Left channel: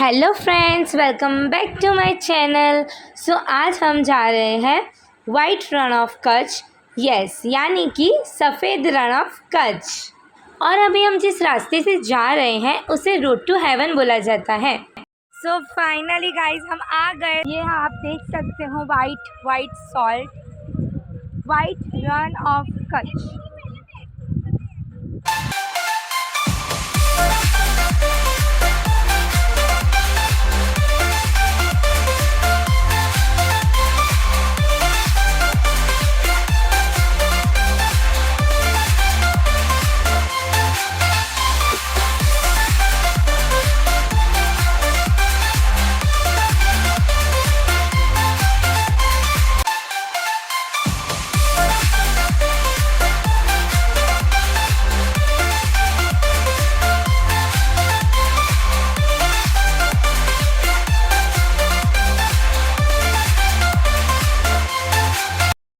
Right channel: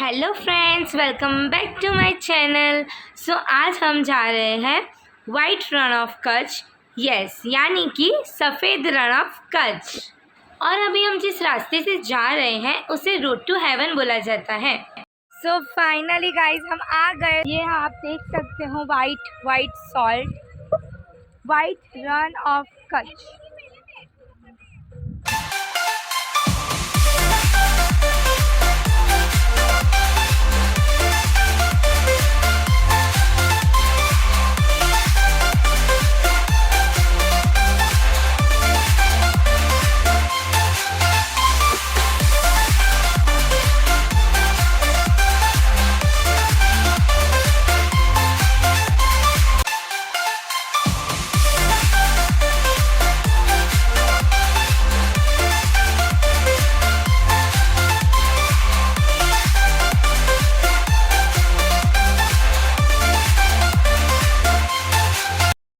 Hello friends, welcome back to my channel. So आज हम जा रहे हैं white Rann of Kutch, yes यानी कि सफ़ेद रण ऑफ कच्छ। और अभी हम जिस रास्ते से जा रहे हैं उसे रोड टू हेवन बोला जाता है। सो फाइनली गाइज हम आ गए। ये आप देख सकते हो white salt, white Rann of Kutch.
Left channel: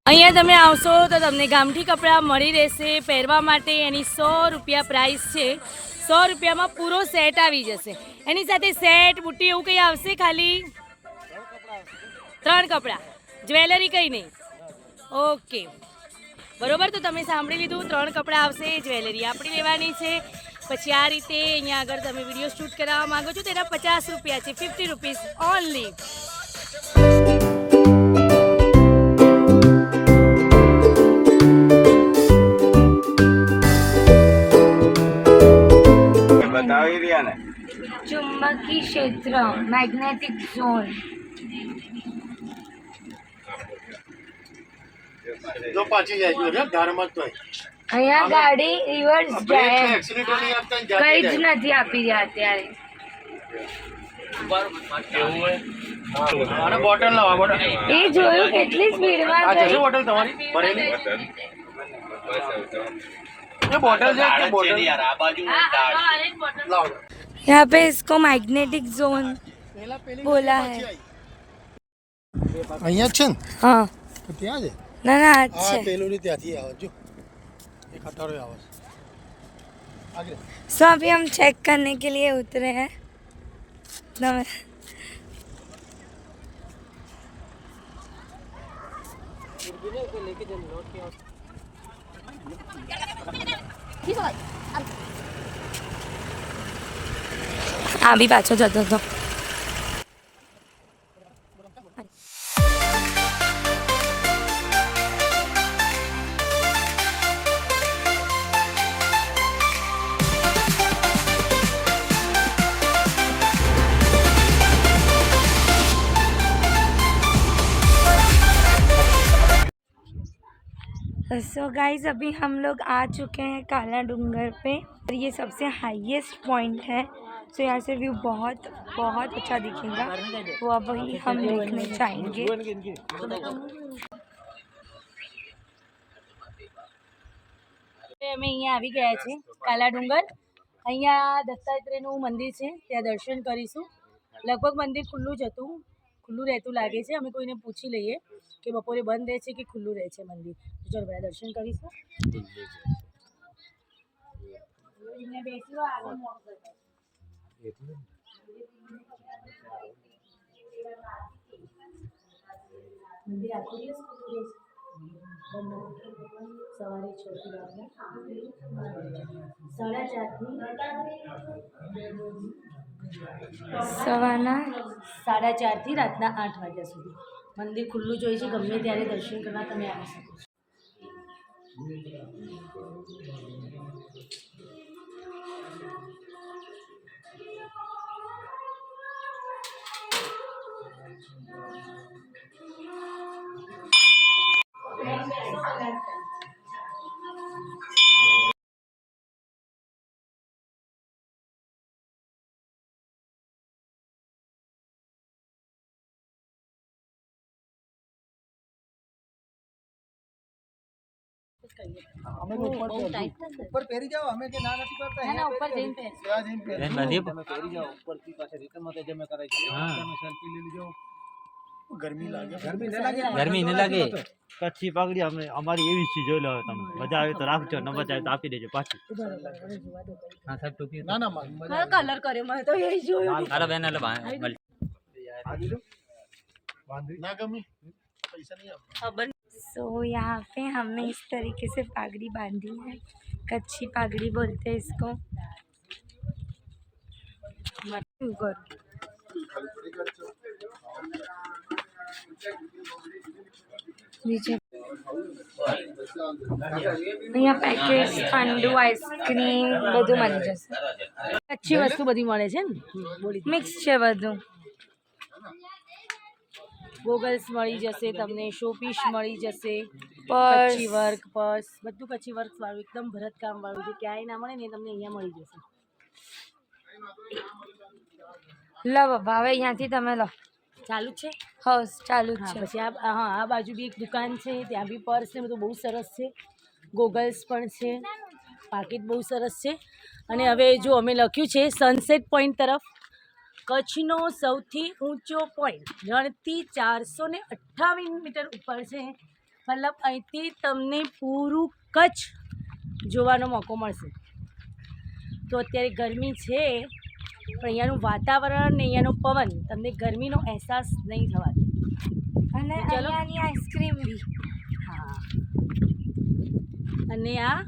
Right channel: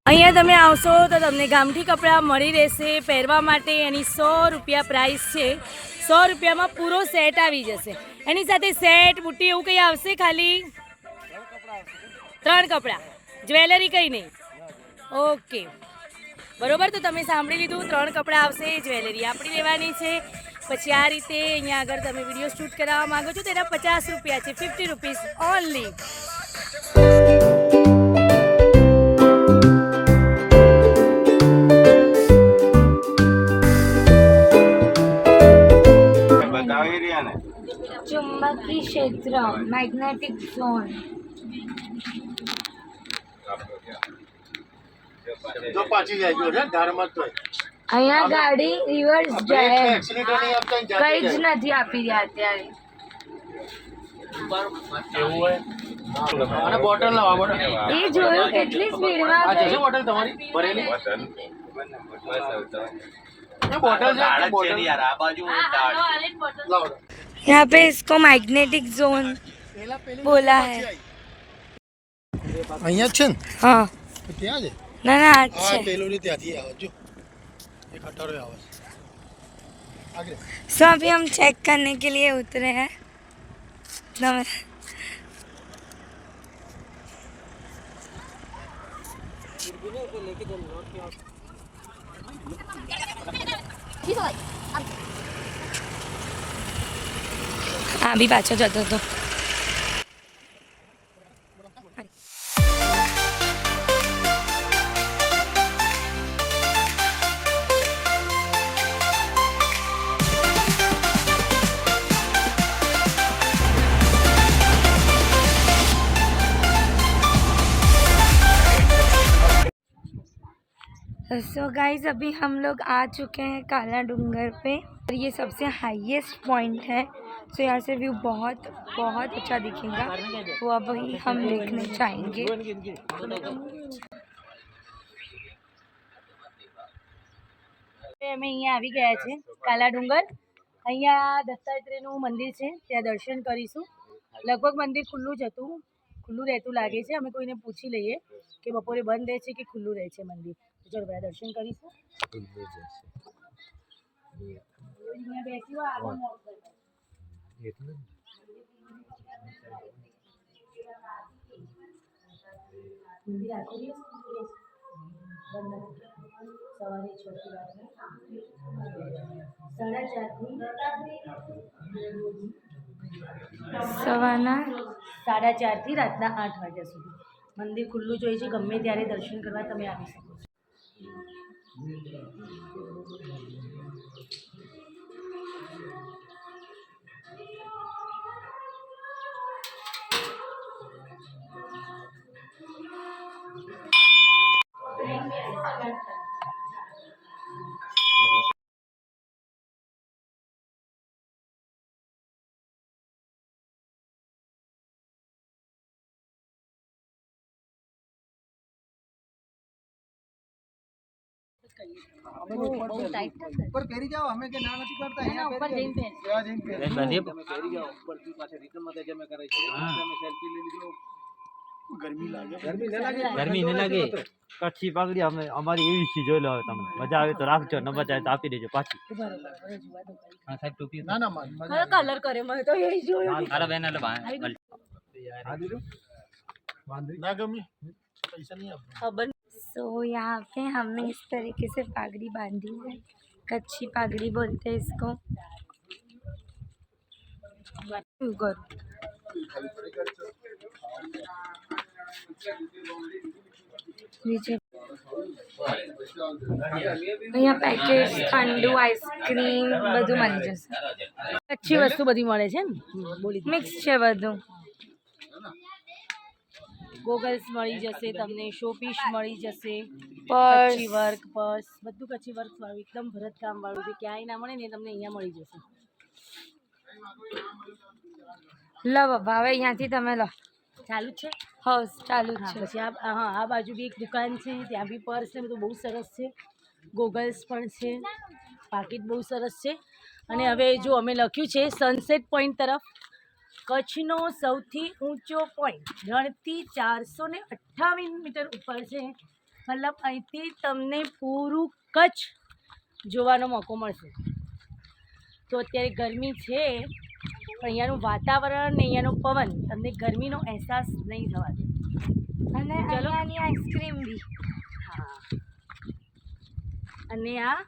અહીંયા તમે આવશો તો તમને ગામઠી કપડાં મળી રહેશે પહેરવા માટે। એની 100 રૂપિયા પ્રાઇસ છે। 100 રૂપિયામાં પૂરો સેટ આવી જશે। એની સાથે સેટ બુટ્ટી એવું કંઈ આવશે? ખાલી 3 કપડાં, જ્વેલરી કંઈ નહીં? ઓકે બરોબર, તો તમે સાંભળી લીધું, 3 કપડાં આવશે, જ્વેલરી આપણી લેવાની છે। પછી આ રીતે અહીંયા આગળ તમે વિડીયો શૂટ કરાવવા માગો છો તો એના 50 રૂપિયા છે, 50 રૂપીઝ ઓનલી। चुंबकीय क्षेत्र, मैग्नेटिक जोन। જો પાછી જાય છે ધારમાં જ તોય અહીંયા ગાડી રિવર્સ જાય, એક્સિડન્ટ નહીં આપતા કઈ જ નથી આપી રહ્યા અત્યારે। અને બોટલ લાવો, બોટલ એ જોયું કેટલી સ્પીડમાં આ ગઈ। છે બોટલ તમારી ભરેલી ये बोतल जो है बोतल यार आ बाजू लाओ। यहाँ पे इसको मैग्नेटिक जोन बोला है। અહીંયા છે ને? हाँ ત્યાં છે ना ना આ अच्छे। પેલોડી ત્યાંથી આવે જો એક અટારો આવે આગે। सो अभी हम चेक करने के लिए उतरे हैं। हाँ भी पाछो जतो तो सो गाइज अभी हम लोग आ चुके हैं काला डूंगर पे और ये सबसे हाईएस्ट पॉइंट है। सो यहाँ से व्यू बहुत बहुत अच्छा दिखेगा, वो अभी हम देखने जाएंगे। અમે અહીંયા આવી ગયા છે કાલા ડુંગર। અહીંયા દત્તાત્રેયનું મંદિર છે, ત્યાં દર્શન કરીશું। લગભગ મંદિર ખુલ્લું જ હતું, ખુલ્લું રહેતું લાગે છે। અમે કોઈને પૂછી લઈએ કે બપોરે બંધ રહે છે કે ખુલ્લું રહે છે મંદિર। ચલો બધા દર્શન કરીશું। બેસી આગળ મંદિર આખો દિવસ ખુલ્લું રહે છે, સવારે 6 થી રાતના 4:30 થી રાતના 8 વાગ્યા સુધી મંદિર ખુલ્લું જ હોય છે। ગમે ત્યારે દર્શન કરવા તમે આવી શકો છો। ઉપર પહેરી જાઓ, અમે કે ના નથી કરતા, અહીંયા ઉપર જઈને પહેર। ત્યાં જઈને પહેરી તમે પહેરી જાઓ ઉપરથી પાછા રિટર્ન માં તમે કરાઈ છે, તમે સેલ્ફી લઈ લીજો। ગરમી લાગે ગરમી નહીં લાગે કચ્છી પાઘડી અમે અમારી એવી છે જોઈ લો તમે મજા આવે તો રાખજો ન મજા આવે તો આપી દેજો પાછી હા સાહેબ ટોપી ના ના માર કલર કરે મને તો એ જોયું અરે બેન એટલે ना गमी पैसा नहीं आता सो यहाँ पे हमने इस तरीके से पागड़ी बांधी है, कच्ची पागड़ी बोलते हैं इसको। नीचे અહીંયા પેકેટ્સ ઠંડુ આઈસ્ક્રીમ બધું મળી જશે, अच्छी वस्तु बधी મળે છે ને બોલી મિક્સ છે બધું। ગોગલ્સ મળી જશે તમને, શોપીસ મળી જશે, પર્સ કચ્છી વર્ક પર્સ બધું કચ્છી વર્ક વાળું એકદમ ભરતકામ વાળું જે ક્યાંય ના મળે ને તમને અહીંયા મળી જશે। લો બાબા હવે અહીંયાથી તમે લો, ચાલુ જ છે હાઉસ ચાલુ જ હા, છે। પછી આ બાજુ બી એક દુકાન છે, ત્યાં બી પર્સ ને બધું બહુ સરસ છે, ગોગલ્સ પણ છે, પાકીટ બહુ સરસ છે। અને હવે જો અમે લખ્યું છે સનસેટ પોઈન્ટ તરફ, કચ્છનો સૌથી ઊંચો પોઈન્ટ રણથી 428 મીટર ઉપર છે, મતલબ અહીંથી તમને પૂરું કચ્છ જોવાનો મોકો મળશે। તો અત્યારે ગરમી છે પણ અહીંયાનું વાતાવરણ ને અહીંયાનો પવન તમને ગરમીનો અહેસાસ નહીં થવા દે। અને ચલો। અહીંયાની આઈસ્ક્રીમ બી હા અને આ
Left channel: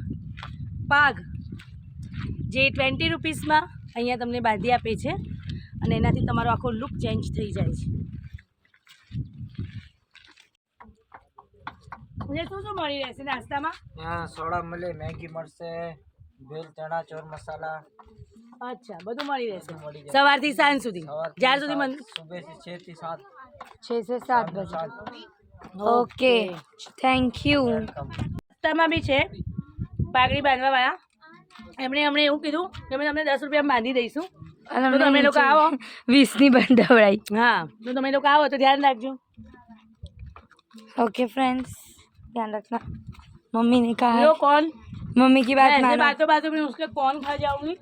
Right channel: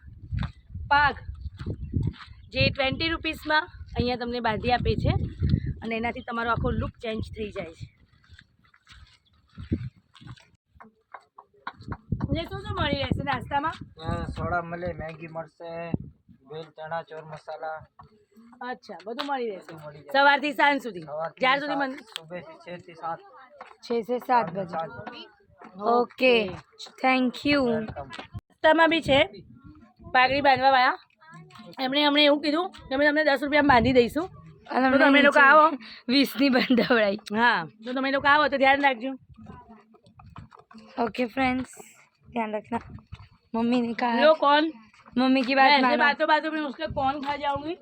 પાગ જે 20 રૂપીસમાં અહીંયા તમને બાંધી આપે છે અને એનાથી તમારો આખો લુક ચેન્જ થઈ જાય છે। મને શું શું મળી રહેશે નાસ્તામાં? સોડા મળે, મેગી મળશે, ભેલ ચણા ચોર મસાલા અચ્છા બધું મળી રહેશે મળી જાય। સવારથી સાંજ સુધી જ્યાર સુધી મને સુબહ से 6 થી 7 6 से 7 बजे। Okay thank you. નાસ્તામાં બી છે પાઘડી બાંધવા વાળા, એમણે હમણાં એવું કીધું કે અમે તમને 10 રૂપિયા બાંધી દઈશું, અને તો તમે લોકો આવો। 20ની બંધાવડાઈ। હા તો તમે લોકો આવો તો ધ્યાન રાખજો। ओके फ्रेंड्स ध्यान रखना। मम्मी ने कहा लो कौन मम्मी की बात मैं ऐसे मानो। बातों बातों में उसके कौन खा जाऊंगी।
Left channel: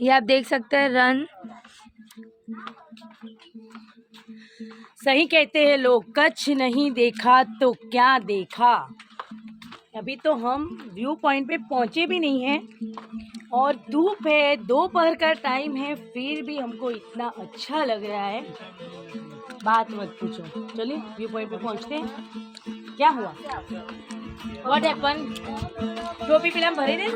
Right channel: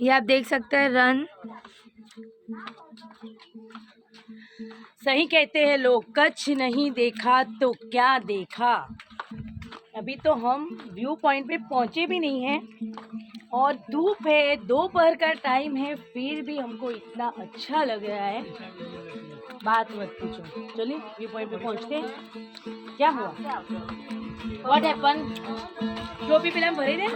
ये आप देख सकते हैं रन। सही कहते हैं लोग, कच्छ नहीं देखा तो क्या देखा। अभी तो हम व्यू पॉइंट पे पहुंचे भी नहीं हैं और धूप है, दोपहर का टाइम है, फिर भी हमको इतना अच्छा लग रहा है बात मत पूछो। चलिए व्यू पॉइंट पे पहुंचते हैं। क्या हुआ? What happen? टोपी पीला भरी दे।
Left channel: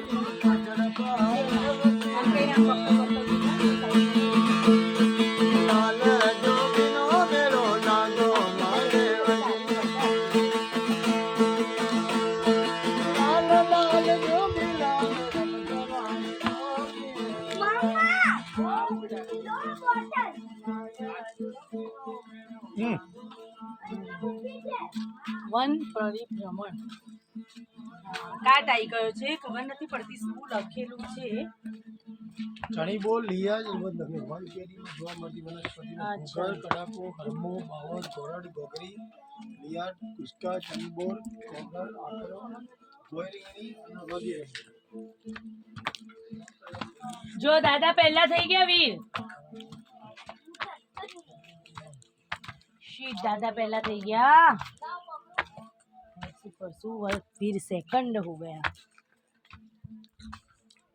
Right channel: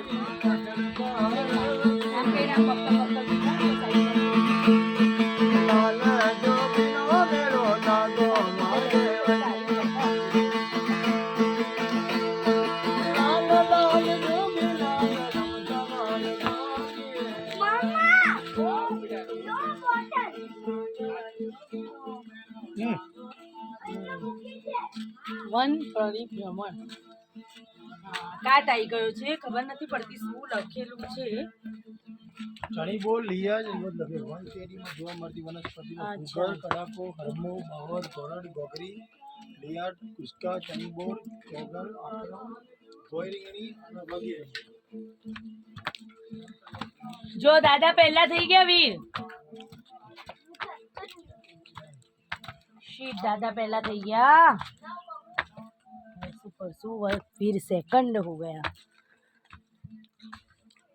વન પરિભ્રમણ કાટ આવી ગયો છે, ખબર નથી પડતી શું લખેલું છે। ચણી બોલ લીયા જ બધું લખે વન કેરીમાં જોવા મળતી વનસ્પતિનો અચ્છા। ભૂગળ કડાકો હરમો બાવર ગોરડ ગોગરી લીયાડ કુસ્કા ચણી બોલ ગોગર આકરો ગોયરીંગણી અને વગેરે। જો દાદા પહેલા થઈ ગયા વીર, શીટ દાदा पहला થઈ ગયા, परसों वीर सेकंड हो गया।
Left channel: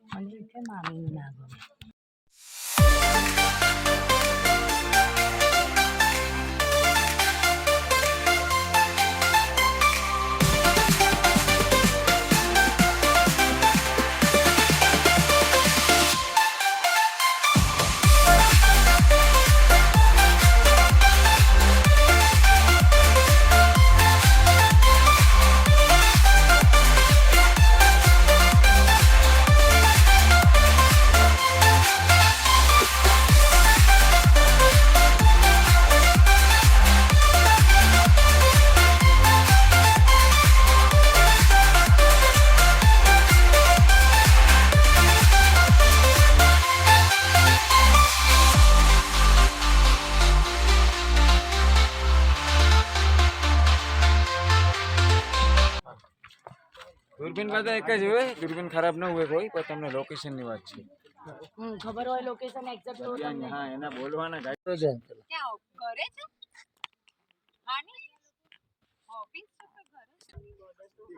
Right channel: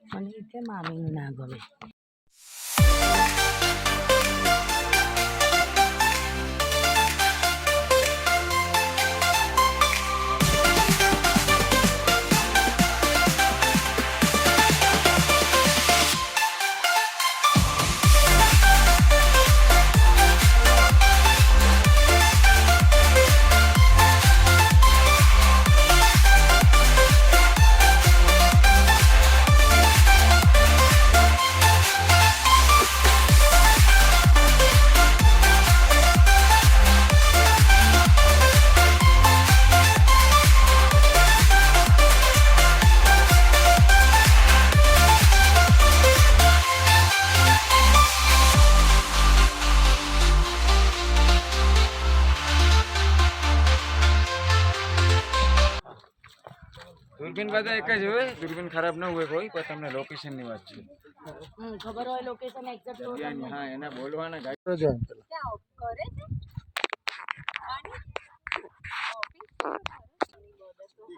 મને કેમ મામીનું ના ગમે। દૂરબીન બધા એક જ હોય, દૂરબીન ખરાબ ન હોય કોઈ, પણ તમને લોકેશનની વાત છે. ખબર હોય લોકેશન એક્ઝેક્ટ તો તમને હા, એના બોલવાના ગાઈડ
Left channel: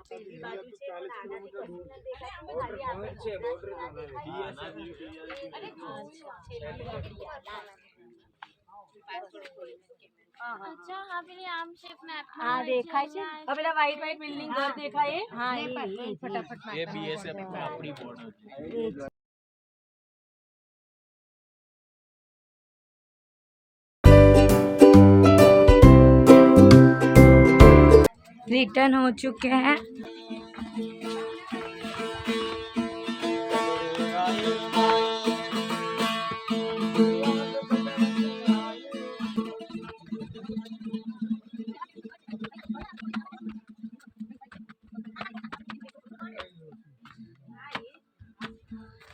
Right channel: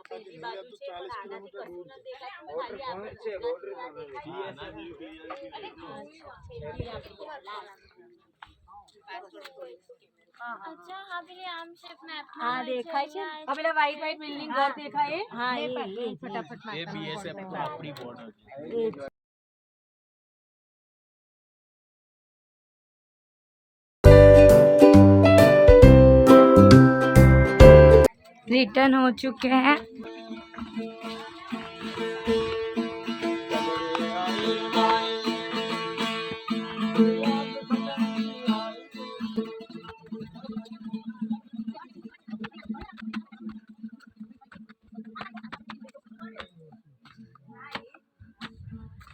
પેલી બાજુ છે પણ આનાથી કશું ન દેખાતું ને બોર્ડર ખાલી પોઈન્ટ છે, બોર્ડર હા દેખાય છે આ પેલા વ્હાઈટ વ્હાઈટ બિલ્ડિંગ ઘર દેખાય હા એ ફટાફટ એ બીએસએફ આપણી બોર્ડર रिटर्न हो चुके हैं।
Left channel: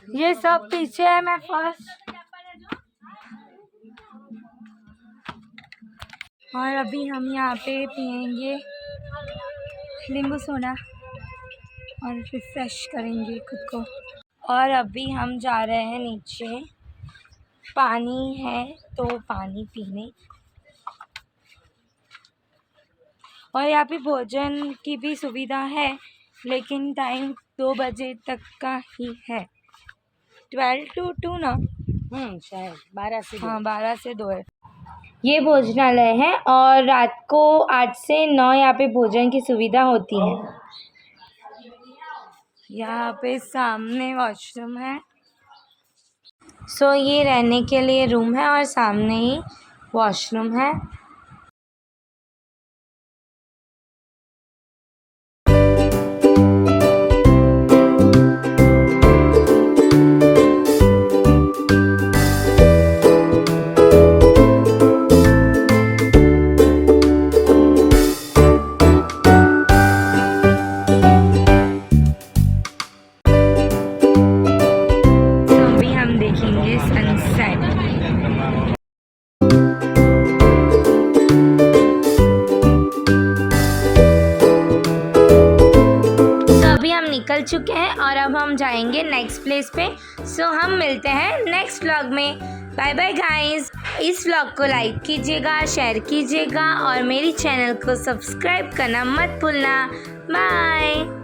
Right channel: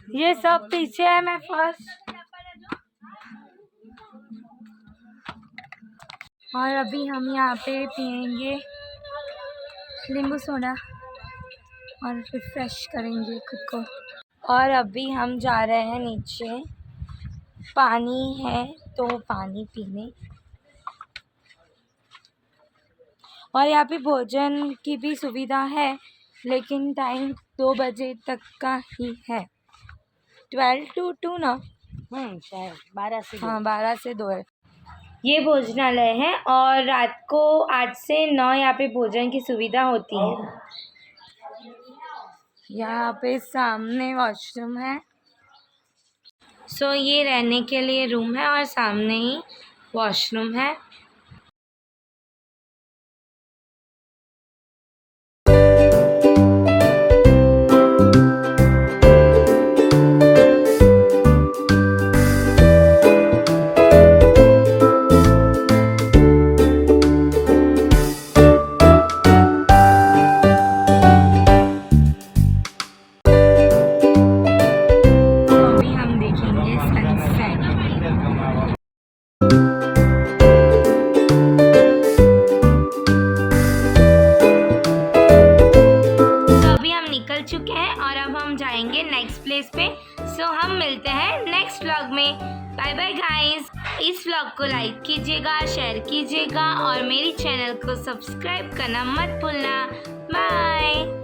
ये सब पीछे है, मैं फर्स्ट और अभी हम यहाँ पे पियेंगे नींबू सोडा और रिफ्रेश करेंगे खुद को। और अभी हम जा रहे हैं नीचे, पानी है तो पानी पीने, और यहाँ पे भोजन की भी सुविधा है, लेकिन टाइम 2 बजे तक का ही है, 12 to 2 ना। शायद 12 से हाँ 12 से 2 है। ये भोजनालय है और रात को 8 से 9 यहाँ पे भोजन की सुविधा होती है। यहाँ पे सामने वॉशरूम है। सो ये रहने के लिए रूम है और सामने ही वॉशरूम है। अभी हम देखेंगे सनसेट। तो अभी हम निकल चुके हैं और अब हम जाएंगे नेक्स्ट प्लेस पे। सो हम मिलते हैं नेक्स्ट व्लॉग में। Bye bye guys. इस व्लॉग को लाइक कीजिएगा, शेयर कीजिएगा और मेरी चैनल को सब्सक्राइब करना मत भूलना। बाय।